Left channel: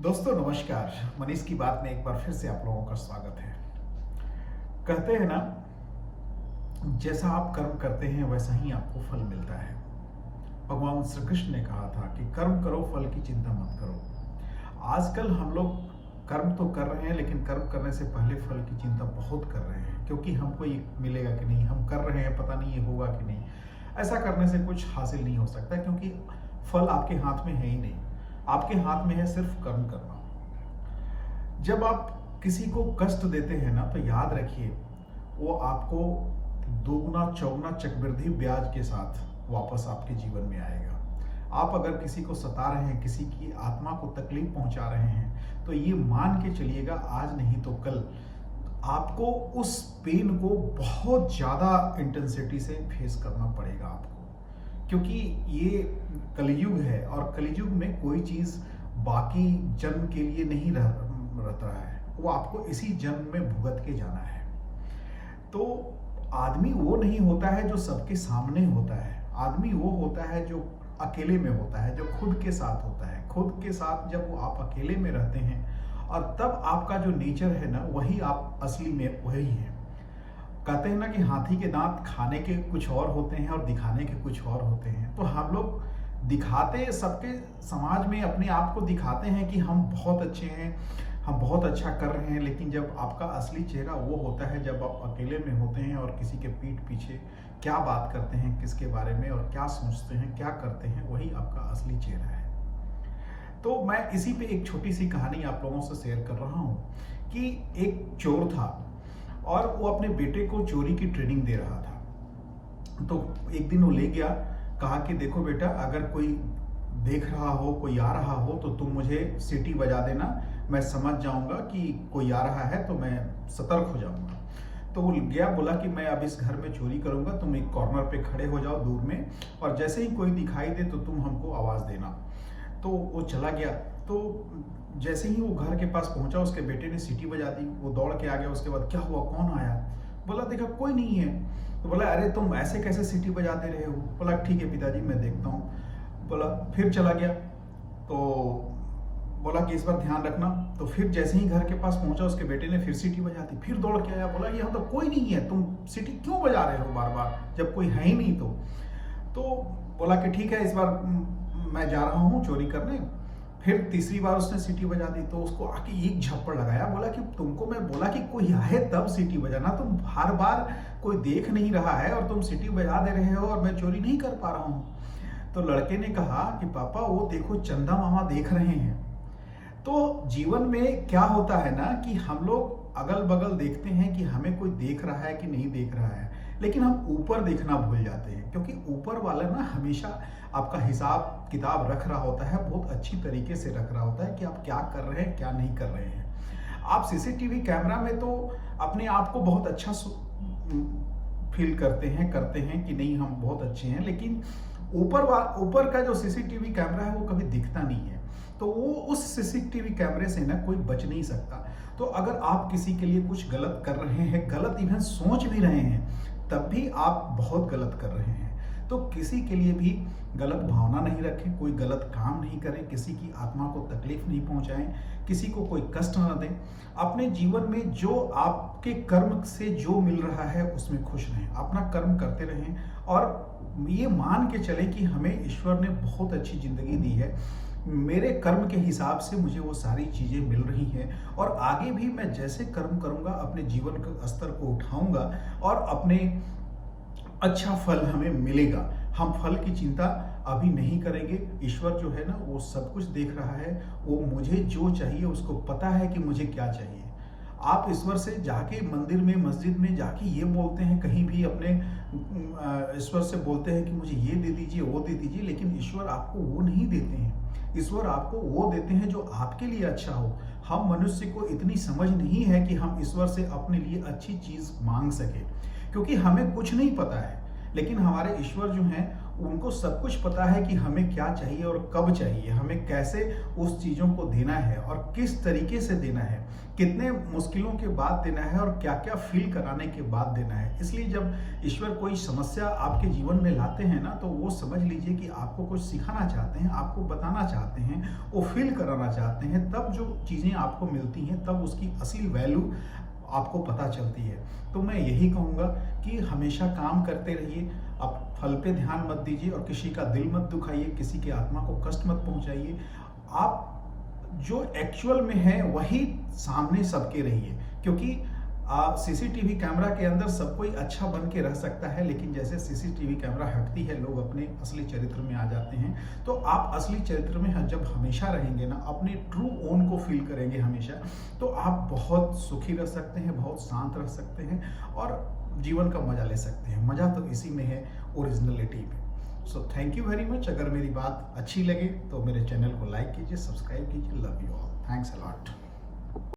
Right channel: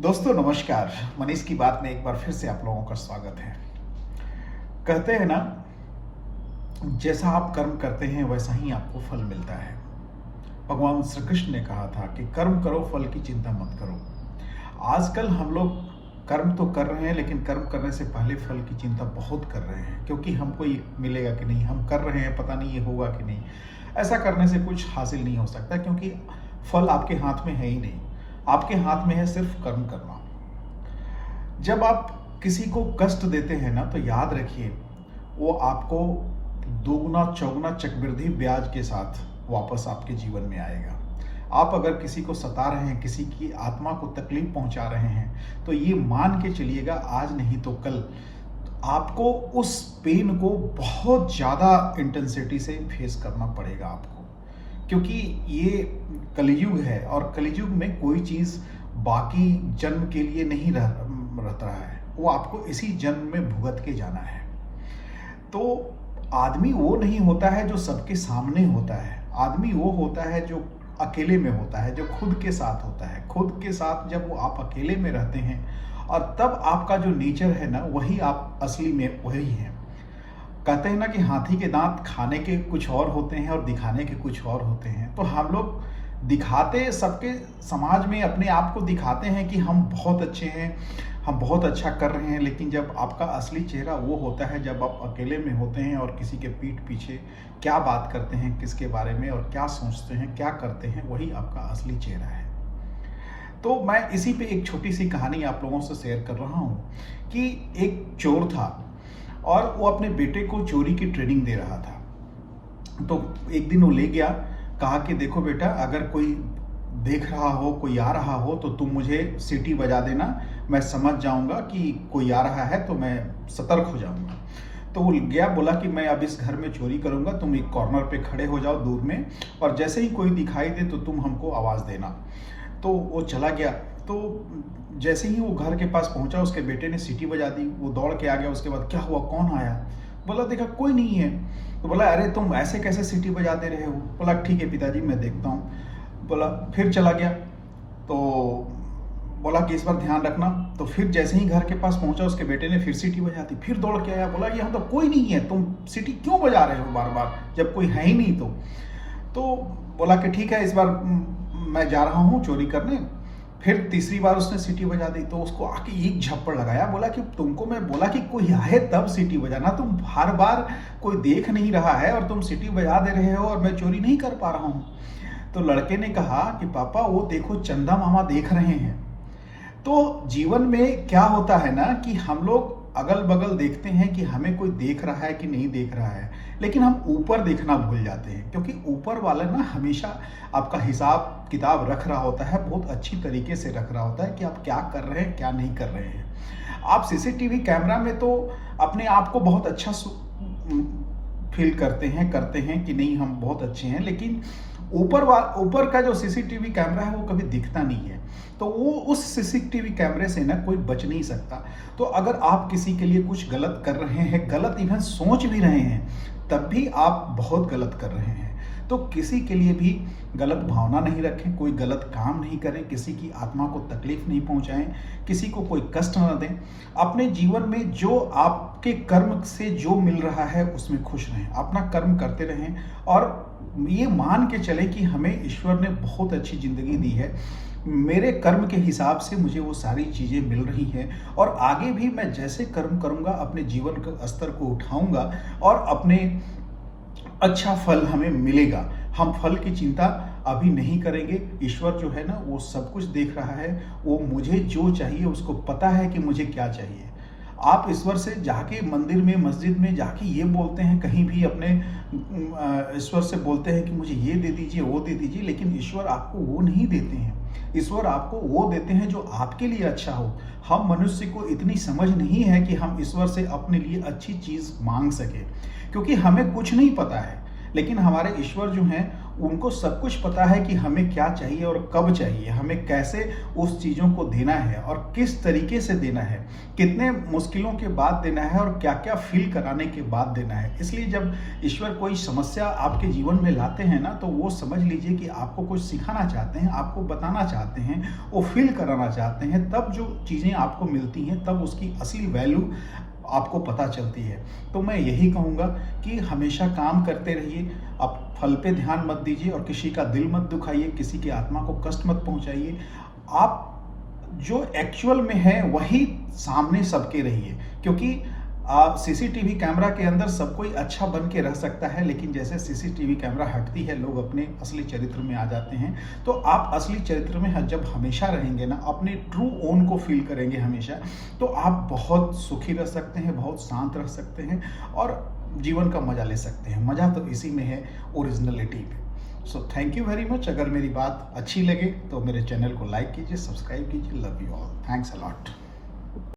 दोस्तों नमस्कार। मनीष की बात में एक बार फिर से आप लोगों का स्वागत है। कहते हैं ना, जैसा आप कर्म करते हैं वैसा ही आपको फल मिलता है। भगवान श्री कृष्ण ने कहा था कि कर्म करो, फल की चिंता मत करो। आजकल हम लोग कर्म तो कर रहे हैं, लेकिन कर्म करने से पहले फल की चिंता बहुत कर रहे हैं, क्योंकि हमको ये मिलेगा कि नहीं, हम कर रहे हैं पता नहीं ये होगा कि नहीं। ऐसा करने से कुछ हासिल नहीं हो सकता, क्योंकि फल आपके हाथ में है ही नहीं। आपके हाथ में है सिर्फ कर्म करना। जब आप किसी को कष्ट देते हैं ना, तो याद रखिए वो आपको दोगुना चौगुना चक्रवृद्धि ब्याज के साथ वापस आपके जीवन में आएगा। आप अगर किसी को सता रहे हैं, किसी की आत्मा को तकलीफ पहुंचा रहे हैं, तो ये मान के चलिएगा आज नहीं तो कल आपको उस पेन को बहुत ज़्यादा इंटेंसिटी से फेस करना पड़ेगा आपको। क्योंकि ये कलयुग है, और कलयुग में कोई चीज़ बाकी जन्म के लिए नहीं रहता है, वो आपको इसी जन्म में भुगत के जाना है। तो आदमी वो नहीं होता है जो सबके सामने होता है। आदमी वो होता है जो अकेले में होता है, जो खुद के साथ होता है। खुद के साथ जब वो आप अकेले में रहते हैं, और तब आपका जो नेचर है ना, वही आप असली में वही हैं। कहते हैं ना कि हाथी के दांत खाने के कुछ और होते हैं और दिखाने के कुछ और होते हैं। तो हम लोग दिखाते सबके समाज में अपने आप को दिखाते हैं कि हम बहुत अच्छे हैं, हम बहुत अच्छा कर रहे हैं, लेकिन जब आपका असली चेहरा वो होता है जब आप अकेले में होते हैं और किसी के पीठ पीछे क्या बात करते हैं, किसके बारे में और क्या सोचते हैं, क्या करते हैं, वही आपका असली चेहरा है। तो मैं इसी पे एक छोटी सी कहानी आप लोगों से शेयर कर रहा हूँ कि एक चोर था और वो अपने बेटे को चोरी की ट्रेनिंग दे रहा था। तो एक दिन वो ले गया, कहा कि देखो बेटा, अगर कोई देख रहा हो, कोई आ रहा हो, तो तुम मुझे सीटी बजा देना, मैं समझ जाऊंगा कि कोई आ रहा है, तो मैं सतर्क हो जाऊंगा। तो वो गया, बोला कि मैं अब इस घर में चोरी करूंगा, तुम एक कॉर्नर पे खड़े हो जाओ दूर में, और जैसे ही कोई दिखाई दे तो तुम हमको आवाज़ देना। तो वो चला गया। तो जैसे ही वो घर के पास पहुंचा, उसके बेटे ने सीटी बजा दी। वो दौड़ के आ गया। उसके बाद क्या हुआ, कौन आया? बोला देखा कोई नहीं है। तो बोला अरे तुम ऐसे कैसे सीटी बजा दे रहे हो? बोला ठीक है पिताजी, मैं देखता हूँ। बोला फिर चला गया। तो बोला कि इस बार ध्यान रखना। तो फिर जैसे ही घर के पास पहुंचा, उसके बेटे ने फिर सीटी बजा दी। फिर दौड़ के आया, बोला यहाँ तो कोई नहीं है, तुम सीटी क्यों बजा रहे हो बार बार जब कोई है ही नहीं? तो बोला कि ठीक है, इस बार मैं जा रहा हूँ चोरी करने। फिर तीसरी बार उसने सीटी बजा दी। तो उसको आके एक झप्पड़ लगाया, बोला कि तुमको मैं बोला कि कोई आए तब सीटी बजाना, तुम हर बार कोई देख नहीं रहा है और तुम सीटी बजा दे रहे हो और मैं चोरी नहीं कर पा रहा हूँ। तो लड़के ने कहा कि पापा वो देखो, चंदा मामा देख रहे हैं। तो जीवन में क्या होता है ना कि हम लोग अगल बगल देखते हैं कि हमें कोई देख रहा है कि नहीं देख रहा है, लेकिन हम ऊपर देखना भूल जाते हैं, क्योंकि ऊपर वाला ना हमेशा आपका हिसाब किताब रख रहा होता है, बहुत अच्छी तरीके से रख रहा होता है कि आप क्या कर रहे हैं, क्या नहीं कर रहे हैं। आप सीसीटीवी कैमरा में तो अपने आप को बहुत अच्छा फील करते हैं कि नहीं हम बहुत अच्छे हैं, लेकिन ऊपर का जो सीसीटीवी कैमरा है वो कभी दिखता नहीं है। तो वो उस सीसीटीवी कैमरे से ना कोई बच नहीं सकता। तो अगर आप किसी के लिए कुछ गलत कर रहे हैं, गलत इवन सोच भी रहे हैं, तब भी आप बहुत गलत कर रहे हैं। तो किसी के लिए भी गलत भावना नहीं रखें, कोई गलत काम नहीं करें, किसी की आत्मा को तकलीफ नहीं पहुंचाएं, किसी को कोई कष्ट न दें। अपने जीवन में जो आपके कर्म से जो मिल रहा है उसमें खुश रहें, अपना कर्म करते रहें, और ये मान के चले कि हमें ईश्वर ने बहुत अच्छी जिंदगी दी है, मेरे कर्म के हिसाब से मुझे वो सारी चीज़ें मिल रही हैं, और आगे भी मैं जैसे कर्म करूँगा अपने जीवन के स्तर को उठाऊंगा और अपने अच्छा फल हमें मिलेगा। हम फल की चिंता अभी नहीं करेंगे। ईश्वर जो है ना, वो सब कुछ देख रहा है, वो मुझे जो चाहिए उसको पता है कि मुझे क्या चाहिए। आप ईश्वर से जाके मंदिर में, मस्जिद में जाके ये बोलते हैं, कहीं भी अपने ईश्वर से बोलते हैं कि मुझे ये दे दीजिए, वो दे दीजिए, लेकिन ईश्वर आपको वो नहीं देते हैं। ईश्वर आपको वो देते हैं जो आपके लिए अच्छा हो। हम मनुष्य को इतनी समझ नहीं है कि हम ईश्वर से अपने लिए अच्छी चीज मांग सके, क्योंकि हमें कुछ नहीं पता है। लेकिन हमारे ईश्वर जो हैं उनको सब कुछ पता है कि हमें क्या चाहिए और कब चाहिए, हमें कैसे उस चीज़ों को देना है और किस तरीके से देना है, कितने मुश्किलों के बाद देना है और क्या-क्या फ़ील कराने के बाद देना है। इसलिए जब ईश्वर कोई समस्या आपके जीवन में लाते हैं ना, तो वो समझ लीजिए कि आपको कुछ सिखाना चाहते हैं, आपको बताना चाहते हैं, वो फ़ील कराना चाहते हैं। तब जो चीज़ें आपको मिलती हैं, तब उसकी असली वैल्यू आपको पता चलती है। तो मैं यही कहूँगा कि हमेशा काम करते रहिए, आप फल पे ध्यान मत दीजिए और किसी का दिल मत दुखाइए, किसी की आत्मा को कष्ट मत पहुँचाइए। आप जो एक्चुअल में है वही सामने सबके रहिए, क्योंकि सीसीटीवी कैमरा के अंदर सब कोई अच्छा बन के रह सकता है, लेकिन जैसे सीसीटीवी कैमरा हटती है लोग अपने असली चरित्र में आ जाते हैं। तो आप असली चरित्र में जब हमेशा रहेंगे ना, अपने ट्रू ओन को फील करेंगे हमेशा, तो आप बहुत सुखी रह सकते हैं, बहुत शांत रह सकते हैं और जीवन का मजा ले सकते हैं। मजा तो इसी में है, ओरिजिनलिटी में। So thank you very much. अगर मेरी बात अच्छी लगे तो मेरे चैनल को लाइक कीजिए, सब्सक्राइब कीजिए। Love you all, thanks a lot.